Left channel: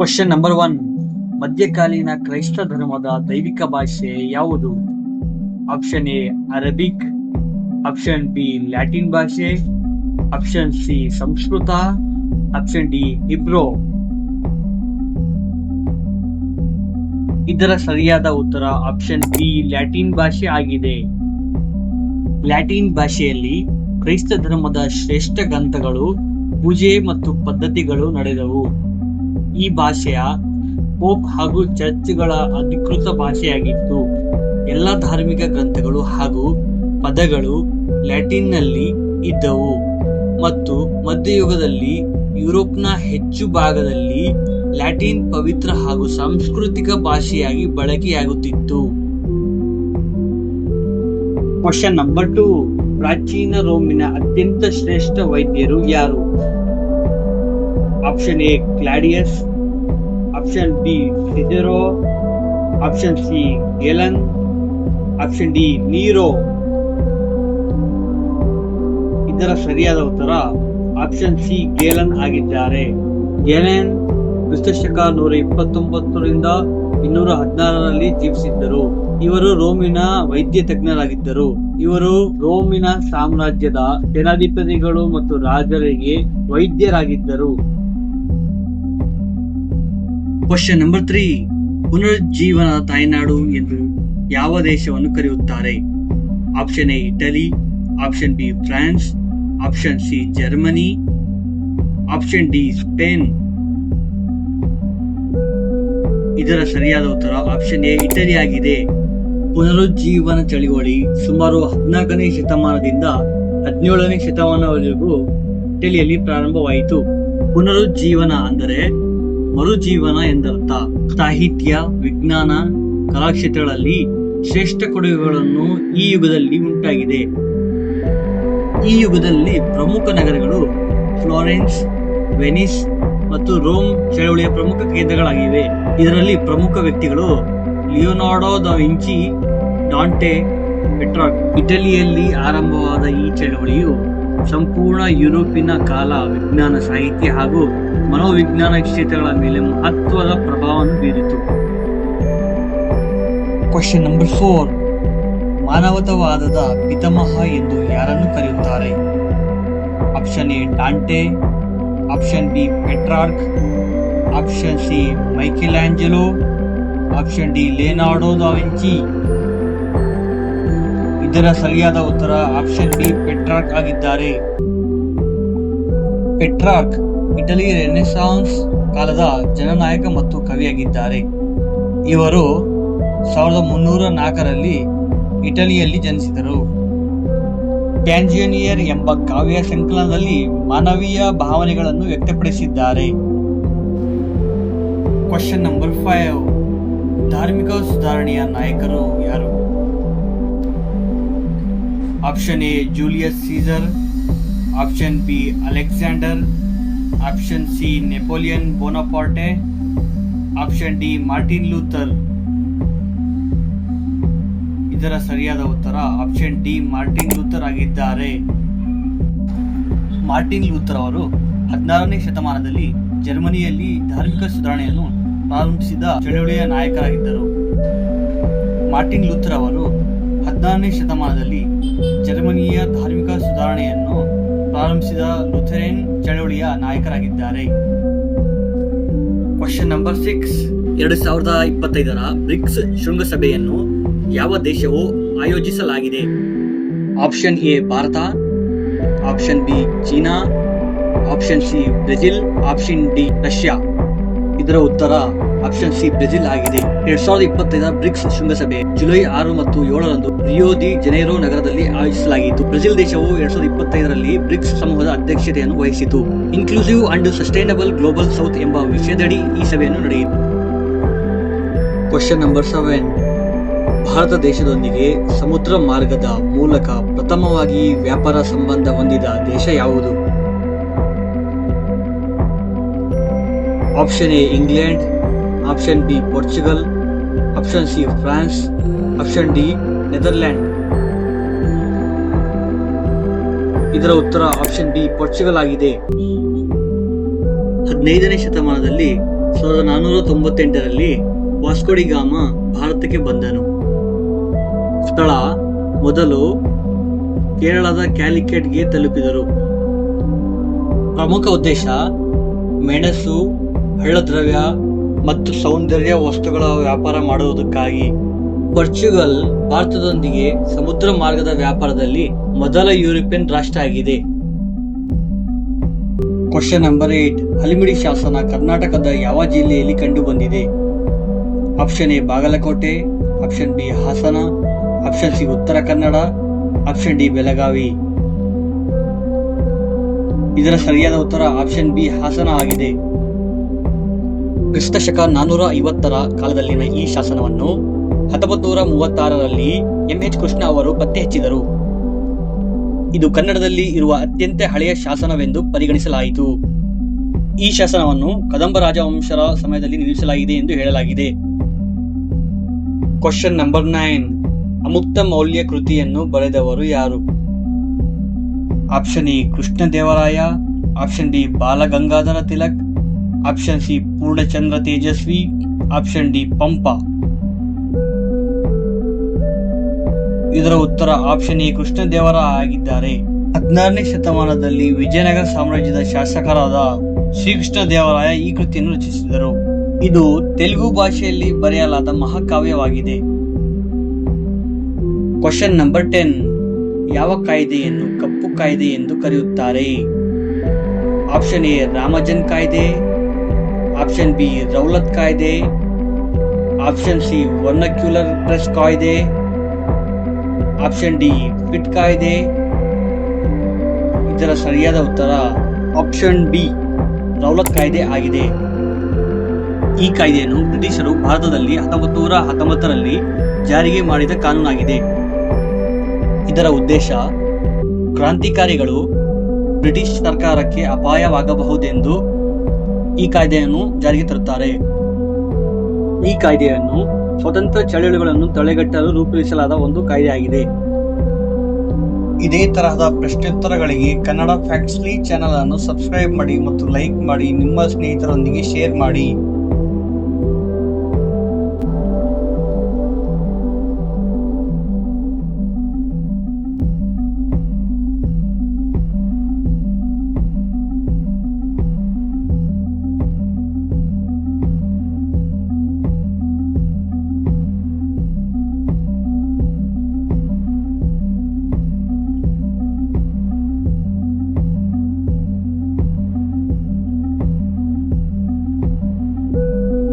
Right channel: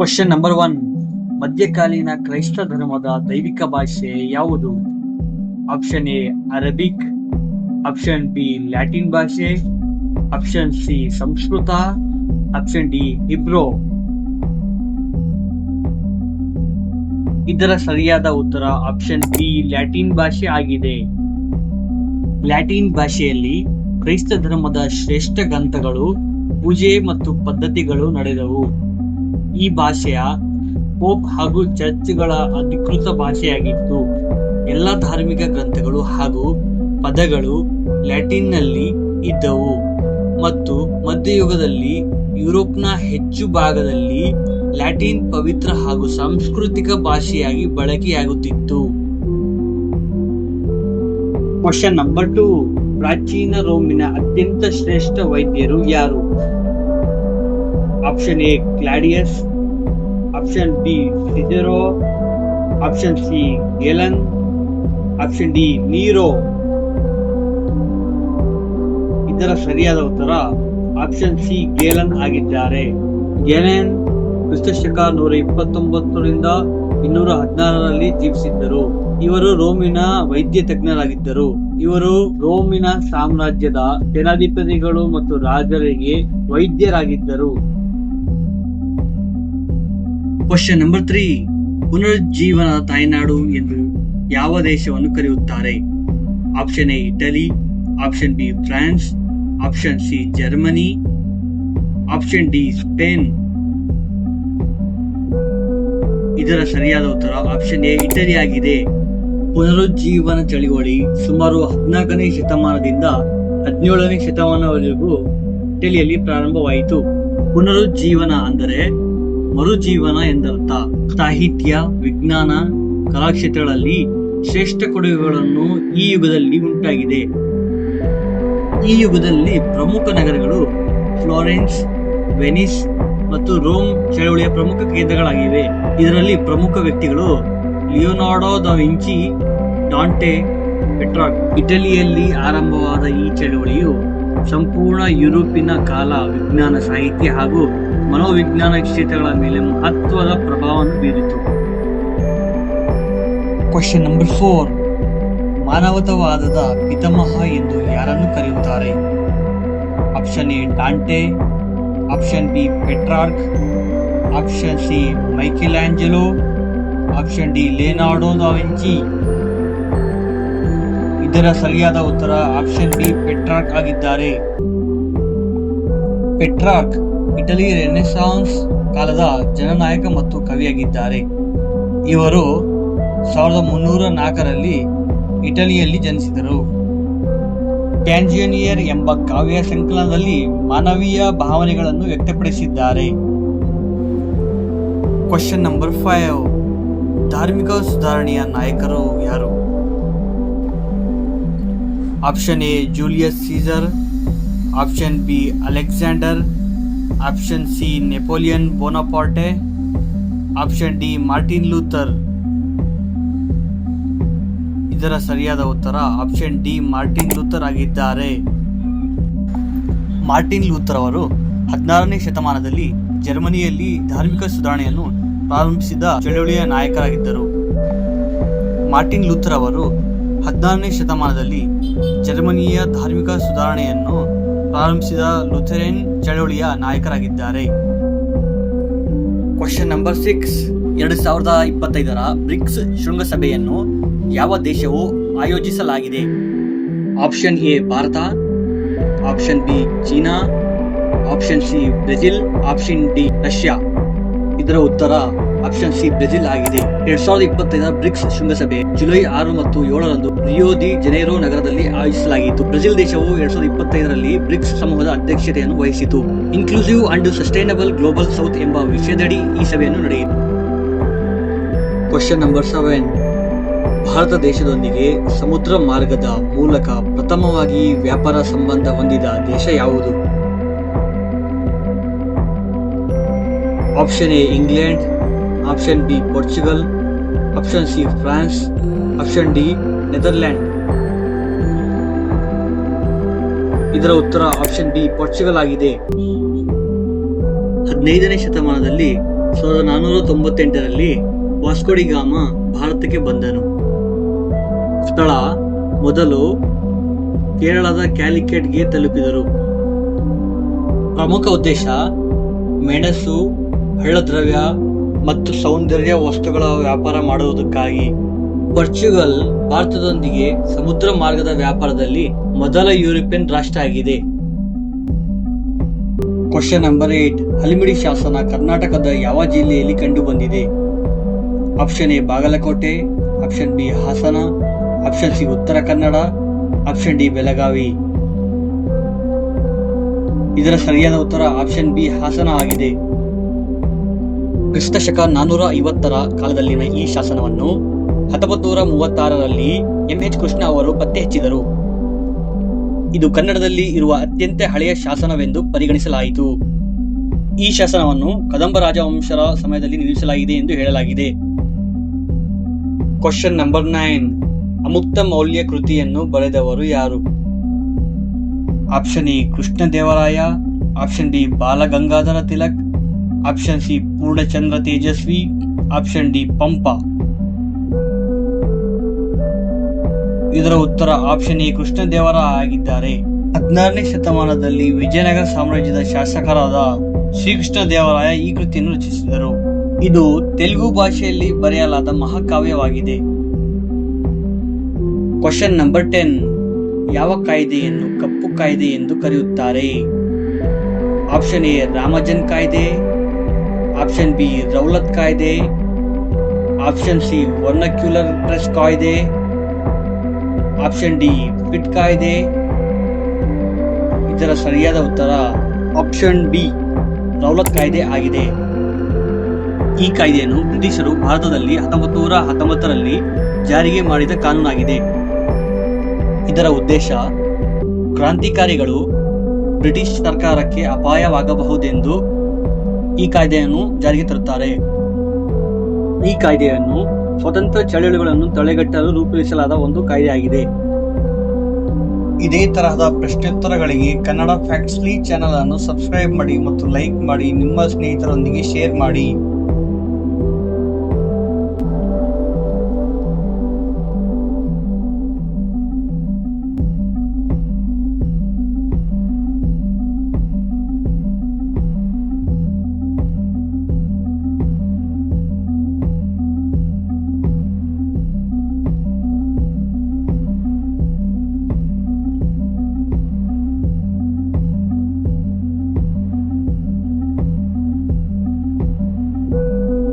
Question number one ಮಧ್ಯಕಾಲೀನ ಕ್ರೈಸ್ತ ಧರ್ಮದ ದೈವಿಕ ಭಾಷೆ ಯಾವುದು? Option A Arabic option B Latin ಭಾಷೆ. Option C Sanskrit. Option D Hebrew ಇದರ ಸರಿಯಾದ ಉತ್ತರ ಆಪ್ಷನ್ ಬಿ ಲ್ಯಾಟಿನ್ ಭಾಷೆ ಆಗಿದೆ. ಲ್ಯಾಟಿನ್ ಭಾಷೆಯಲ್ಲಿ ಕ್ರೈಸ್ತ ಧರ್ಮದ ಶ್ರೇಷ್ಠ ಗ್ರಂಥಗಳು, ಪೂಜೆ ಮತ್ತು ಪದ್ಧತಿಗಳು ನಡೆದವು. ಈ ಭಾಷೆಯ ಪೋಪ್ ಹಾಗೂ ಚರ್ಚ್ಗಳ ಅಧಿಕೃತ ಭಾಷೆಯಾಗಿತ್ತು. ಎಲ್ಲ ಧಾರ್ಮಿಕ ಗ್ರಂಥಗಳು ಹಾಗೂ ಪದಗಳು ಲ್ಯಾಟಿನ್ನಲ್ಲಿ ಇದ್ದವು ಮತ್ತು ಮಧ್ಯಯುಗದಲ್ಲಿ ಯುರೋಪ್ನ ಹೆಚ್ಚು ಭಾಗದಲ್ಲಿ ಲ್ಯಾಟಿನ್ ಪವಿತ್ರ ಹಾಗೂ ಸಾಂಸ್ಕೃತಿಕ ಭಾಷೆಯಾಗಿ ಬಳಕೆಯಾಗುತ್ತಿತ್ತು. Question number two. ಪ್ರಾಚೀನ ರೋಮಿನ ಅತ್ಯಂತ ಶ್ರೇಷ್ಠ ವೈದ್ಯರು ಯಾರು? Option A Claudius option B Cicero option C Galen option D Nero ಇದರ ಸರಿಯಾದ ಉತ್ತರ ಆಪ್ಷನ್ ಸಿ ಗೇಲನ್ ಆಗಿದ್ದಾರೆ. ಗೆಲೆನ್ ಕ್ರಿಸ್ತಶಕ ನೂರ ಇಪ್ಪತ್ತೊಂಬತ್ತರಿಂದ ಇನ್ನೂರ ಹದಿನಾರರಲ್ಲಿ ಜೀವಿಸಿದ್ದರು. ಇವರು ರೋಮಿನ ವೈದ್ಯ ತಜ್ಞರಾಗಿದ್ದರು. ಇವರು ರೋಮಿನ ಸಾಮ್ರಾಜ್ಯದ ಜನಾಧಿಪತಿಗಳು ಮತ್ತು ರಾಜರಿಗೆ ವೈದ್ಯರಾಗಿದ್ದರು. ಕ್ವಶನ್ ನಂಬರ್ ತ್ರೀ ಪುನರುಜ್ಜೀವನ ತಾಯ್ನಾಡು ಎಂದು ಯಾವ ದೇಶವನ್ನು ಕರೆಯುತ್ತಾರೆ? Option A Italy option B France option C Germany option D Spain ಇದರ ಸರಿಯಾದ ಉತ್ತರ ಆಪ್ಷನ್ ಎ ಇಟಲಿ ಆಗಿದೆ. ಪುನರುಜ್ಜೀವನ ಚಳುವಳಿ ಸುಮಾರು ಹದಿನಾಲ್ಕನೇ ಶತಮಾನದಿಂದ ಹದಿನೇಳನೇ ಶತಮಾನವರೆಗೂ ಇಟಲಿಯಲ್ಲಿ ಪ್ರಾರಂಭವಾಯಿತು. ಪುನರುಜ್ಜೀವನ ಅಂದರೆ ಮರುಜೀವನ ಎಂದರ್ಥ. ಸಾಹಿತ್ಯ, ವಿಜ್ಞಾನ, ಕಲಾಕ್ಷೇತ್ರಗಳಲ್ಲಿ ಶ್ರೇಷ್ಠ ಕೊಡುಗೆಗಳನ್ನು ಈ ಯುಗದಲ್ಲಿ ಉಂಟಾಗಿದೆ. ಈ ಯುಗದಲ್ಲಿ ಪ್ರಮುಖ ನಗರಗಳು ಫ್ಲೋರೆನ್ಸ್, ವೆನಿಸ್ ಮತ್ತು ರೋಮ್ ಚಳವಳಿಯ ಪ್ರಮುಖ ಕೇಂದ್ರಗಳಾಗಿವೆ. ಇದರಲ್ಲಿ ಪ್ರಮುಖ ವ್ಯಕ್ತಿಗಳು Leonardo da Vinci, Dante, Petrarch. ಇಟಲಿಯಲ್ಲಿ ಆರಂಭವಾದ ಈ ಚಳವಳಿಯು ಸಂಪೂರ್ಣ ಯುರೋಪಿನ ಕಾಲ ವಿಜ್ಞಾನ, ಸಾಹಿತ್ಯ ಹಾಗೂ ಮನೋವಿಜ್ಞಾನ ಕ್ಷೇತ್ರಗಳ ಮೇಲೆ ಮಹತ್ವದ ಪ್ರಭಾವವನ್ನು ಬೀರಿತು. ಕ್ವಶನ್ ನಂಬರ್ ಫೋರ್ ಮಾನವತಾವಾದದ ಪಿತಾಮಹ ಎಂದು ಯಾರನ್ನು ಕರೆಯುತ್ತಾರೆ? Option A Dante option B Petrarch option C Michelangelo option D Leonardo da Vinci Vinci ಇದರ ಸರಿಯಾದ ಉತ್ತರ ಆಪ್ಷನ್ ಬಿ ಪೆಟ್ರಾರ್ಕ್ ಆಗಿದ್ದಾರೆ. ಪೆಟ್ರಾರ್ಕ್ ಇಟಲಿ ರೆನೆಸಾನ್ಸ್ ಕಾಲದ ಜನನಾಯಕ ಮತ್ತು ಕವಿಯಾಗಿದ್ದಾರೆ. ಇವರು ಸಾವಿರದ ಮುನ್ನೂರ ನಾಲ್ಕರಲ್ಲಿ ಇಟಲಿಯಲ್ಲಿ ಜನಿಸಿದರು. ಟ್ಯಾಂಜಿಯನಿಯರ್ ಎಂಬ ಕಾವ್ಯ ಸಂಕಲನದಲ್ಲಿ ಮಾನವೀಯ ಭಾವನೆಗಳನ್ನು ವ್ಯಕ್ತಪಡಿಸಿದ್ದಾರೆ. ಕ್ವಶನ್ ನಂಬರ್ ಫೈವ್ ಧಾರ್ಮಿಕ ಸುಧಾರಣೆಯ ನಾಯಕರು ಯಾರು? Option A Julius Caesar option B Alexander option C, Napoleon Bonaparte. Option D, Martin Luther. ಇದರ ಸರಿಯಾದ ಉತ್ತರ ಆಪ್ಷನ್ ಡಿ, ಮಾರ್ಟಿನ್ ಲೂಥರ್ ಆಗಿದ್ದಾರೆ. ಮಾರ್ಟಿನ್ ಲೂಥರ್ ಅವರು ಹದಿನಾರನೇ ಶತಮಾನದಲ್ಲಿ ಜರ್ಮನಿಯಲ್ಲಿ ಧಾರ್ಮಿಕ ಸುಧಾರಣೆಯನ್ನು ಪ್ರಾರಂಭಿಸಿದ ಚಳುವಳಿಯ ನಾಯಕರಾಗಿದ್ದರು. ಮಾರ್ಟಿನ್ ಲೂಥರ್ ಅವರು ಹದಿನಾರನೇ ಶತಮಾನದಲ್ಲಿ ಜರ್ಮನಿಯ ಧಾರ್ಮಿಕ ಸುಧಾರಣೆಯನ್ನು ಪ್ರಾರಂಭಿಸಿದ ಲುಥರೇನ್ ಚಳವಳಿಯ ನಾಯಕರಾಗಿದ್ದಾರೆ. ಕ್ವಶನ್ ನಂಬರ್ ಸಿಕ್ಸ್ ಎರಡು ಸಾವಿರದ ಇಪ್ಪತ್ತೈದರ ಬ್ರಿಕ್ಸ್ ಶೃಂಗಸಭೆಯನ್ನು ಯಾವ ದೇಶವು ಆಯೋಜಿಸಲಾಗಿದೆ? Option A Bharat. Option B China. Option C Brazil. Option D Russia. ಇದರ ಉತ್ತರ ಆಪ್ಷನ್ ಸಿ ಬ್ರೆಜಿಲ್ ಆಗಿದೆ. ಎರಡ್ ಸಾವಿರದ ಇಪ್ಪತ್ತೈದರ ಬ್ರಿಕ್ಸ್ ಶೃಂಗಸಭೆ ಜುಲೈ ಆರು ಮತ್ತು ಏಳರಂದು ರಿಯೋ ದಿ ಜನೇರೋ ನಗರದಲ್ಲಿ ಆಯೋಜಿಸಲಾಗಿತ್ತು. ಬ್ರೆಜಿಲ್ ದೇಶವು ಎರಡ್ ಸಾವಿರದ ಇಪ್ಪತ್ತೈದರಲ್ಲಿ ಬ್ರಿಕ್ಸ್ ಸಮೂಹದ ಅಧ್ಯಕ್ಷತೆಯನ್ನು ವಹಿಸಿತು. Inclusive and sustainable global south ಎಂಬ ವಿಷಯದಡಿ ಈ ಸಭೆಯನ್ನು ನಡೆಯಿತು. ಕ್ವಶನ್ ನಂಬರ್ ಸೆವೆನ್ ಭಾರತ ದೇಶದೊಂದಿಗೆ ಸಮುದ್ರ ಮಾರ್ಗದ ಮೂಲಕ ಪ್ರಥಮವಾಗಿ ವ್ಯಾಪಾರ ಸಂಬಂಧ ಹೊಂದಿದ ದೇಶ ಯಾವುದು? Option A England option B Portugal option C France option D Netherland ಇದರ ಉತ್ತರ ಆಪ್ಷನ್ ಬಿ ಪೋರ್ಚುಗಲ್ ಆಗಿದೆ. ಹದಿನೈದನೇ ಶತಮಾನದಲ್ಲಿ ಸಾವಿರದ ನಾನ್ನೂರ ತೊಂಬತ್ತೆಂಟರಲ್ಲಿ ವಾಸ್ಕೋಡಿಗಾಮ ಭಾರತಕ್ಕೆ ಬಂದನು. ಸ್ಥಳ ಮೊದಲು ಕೇರಳದ ಕ್ಯಾಲಿಕೆಟ್ಗೆ ತಲುಪಿದರು. ಪ್ರಮುಖ ಉದ್ದೇಶ ಮೆಣಸು ಹಳ್ಳದ್ರವ್ಯ ಮತ್ತು ಸೌಂದರ್ಯ ವಸ್ತುಗಳ ವ್ಯಾಪಾರ ಮಾಡುವುದಕ್ಕಾಗಿ ಪೋರ್ಚುಗಲ್ ಭಾರತದೊಂದಿಗೆ ಸಮುದ್ರ ಮಾರ್ಗದ ವ್ಯಾಪಾರದಲ್ಲಿ ಮೊದಲ ಯುರೋಪಿಯನ್ ರಾಷ್ಟ್ರ ಆಗಿದೆ. ಕ್ವಶನ್ ನಂಬರ್ ಏಟ್ ಹಲಿಮಿಡಿ ಶಾಸನ ಕರ್ನಾಟಕದ ಯಾವ ಜಿಲ್ಲೆಯಲ್ಲಿ ಕಂಡುಬಂದಿದೆ? Option A Bagalkote. Option B Hassan. Option C Uttara Kannada. Option D Belagavi. ಇದರ ಸರಿಯಾದ ಉತ್ತರ ಆಪ್ಷನ್ ಬಿ ಹಾಸನ ಆಗಿದೆ. ಕ್ರಿಸ್ತ ನಾನೂರ ಐವತ್ತರ ಕಾಲದಲ್ಲಿನ ಈ ಶಾಸನವನ್ನು ಹತ್ತೊಂಬತ್ತು ನೂರ ಮೂವತ್ತಾರರಲ್ಲಿ ಎಂ ಎಚ್ ಕೃಷ್ಣ ಅವರು ಪತ್ತೆ ಹಚ್ಚಿದರು ಇದು ಕನ್ನಡದಲ್ಲಿ ಇರುವ ಅತ್ಯಂತ ಹಳೆಯ ಶಾಸನವೆಂದು ಪರಿಗಣಿಸಲಾಯಿತು. ಈ ಶಾಸನವನ್ನು ಕದಂಬ ರಾಜವಂಶರ ಸಮಯದಲ್ಲಿ ನಿರ್ಮಿಸಲಾಗಿದೆ ಎಂದು ಹೇಳಲಾಗಿದೆ. ಕ್ವಶನ್ ನಂಬರ್ ನೈನ್ ಅಮುಕ್ತ ಮೌಲ್ಯ ಕೃತಿಯನ್ನು ಬರೆದವರು ಯಾರು? Option A Krishnadevaraya option D Balagangadhara Tilak option C Purnachandra Tejasvi option D Pampa ಇದರ ಉತ್ತರ ಆಪ್ಷನ್ ಎ ಕೃಷ್ಣದೇವರ ಆಗಿದ್ದಾರೆ. ಹದಿನಾರನೇ ಶತಮಾನದಲ್ಲಿ ವಿಜಯನಗರ ಸಾಮ್ರಾಜ್ಯದ ಶಾಸಕರಾದ ಶ್ರೀಕೃಷ್ಣ ದೇವರಾಯ ಈ ಕೃತಿಯನ್ನು ರಚಿಸಿದರು. ಇದು ತೆಲುಗು ಭಾಷೆಯಲ್ಲಿ ಬರೆಯಲಾದ ಮಹಾಕಾವ್ಯವಾಗಿದೆ. ಕ್ವಶನ್ ನಂಬರ್ ಟೆನ್ ಯಾವ ಕಾಯ್ದೆಯನ್ನು ಕಪ್ಪು ಕಾಯ್ದೆ ಎಂದು ಕರೆಯುತ್ತಾರೆ? ಆಪ್ಷನ್ ಎ ರಾಮಜನ್ ಕಾಯ್ದೆ. ಆಪ್ಷನ್ ಬಿ ರೌಲತ್ ಕಾಯ್ದೆ, ಆಪ್ಷನ್ ಸಿ ವರ್ನಕ್ಯುಲರ್ ಪ್ರೆಸ್ ಕಾಯ್ದೆ, ಆಪ್ಷನ್ ಡಿ ಫಿಟ್ ಕಾಯ್ದೆ. ಇದರ ಸರಿಯಾದ ಉತ್ತರ ಆಪ್ಷನ್ ಬಿ ರೌಲತ್ ಕಾಯ್ದೆ ಆಗಿದೆ. ಈ ಕಾಯ್ದೆಯನ್ನು ಬ್ರಿಟಿಷರು ಭಾರತದಲ್ಲಿ ಹತ್ತೊಂಬತ್ತು ನೂರ ಹತ್ತೊಂಬತ್ತರಲ್ಲಿ ಜಾರಿಗೆ ಮಾಡಿದ ಕಾನೂನಾಗಿದೆ. ಇದರ ಉದ್ದೇಶ ಕ್ರಾಂತಿಕಾರಿಗಳು ಬ್ರಿಟಿಷ್ ಸರ್ಕಾರಕ್ಕೆ ಅಪಾಯವಾಗಬಹುದೆಂದು ಈ ಕಾಯ್ದೆಯನ್ನು ಜಾರಿಗೆ ತರುತ್ತಾರೆ. ಈ ಕಾಯ್ದೆಯನ್ನು ಸ್ವತಂತ್ರ ಚಳುವಳಿಗಳನ್ನು ತಡೆಗಟ್ಟಲು ರೂಪಿಸಲಾದ ಒಂದು ಕಾಯ್ದೆಯಾಗಿದೆ. ಇದೇ ತರಹದ ಪ್ರಶ್ನೋತ್ತರಗಳಿಗೆ ಕನ್ನಡ ಫ್ಯಾಕ್ಟ್ಸ್ಲಿ ಚಾನೆಲ್ ಅನ್ನು ಸಬ್ಸ್ಕ್ರೈಬ್ ಮಾಡಿ ಮತ್ತು ಲೈಕ್ ಮಾಡಿ ನಿಮ್ಮ ಸ್ನೇಹಿತರೊಂದಿಗೆ ಶೇರ್ ಮಾಡಿ.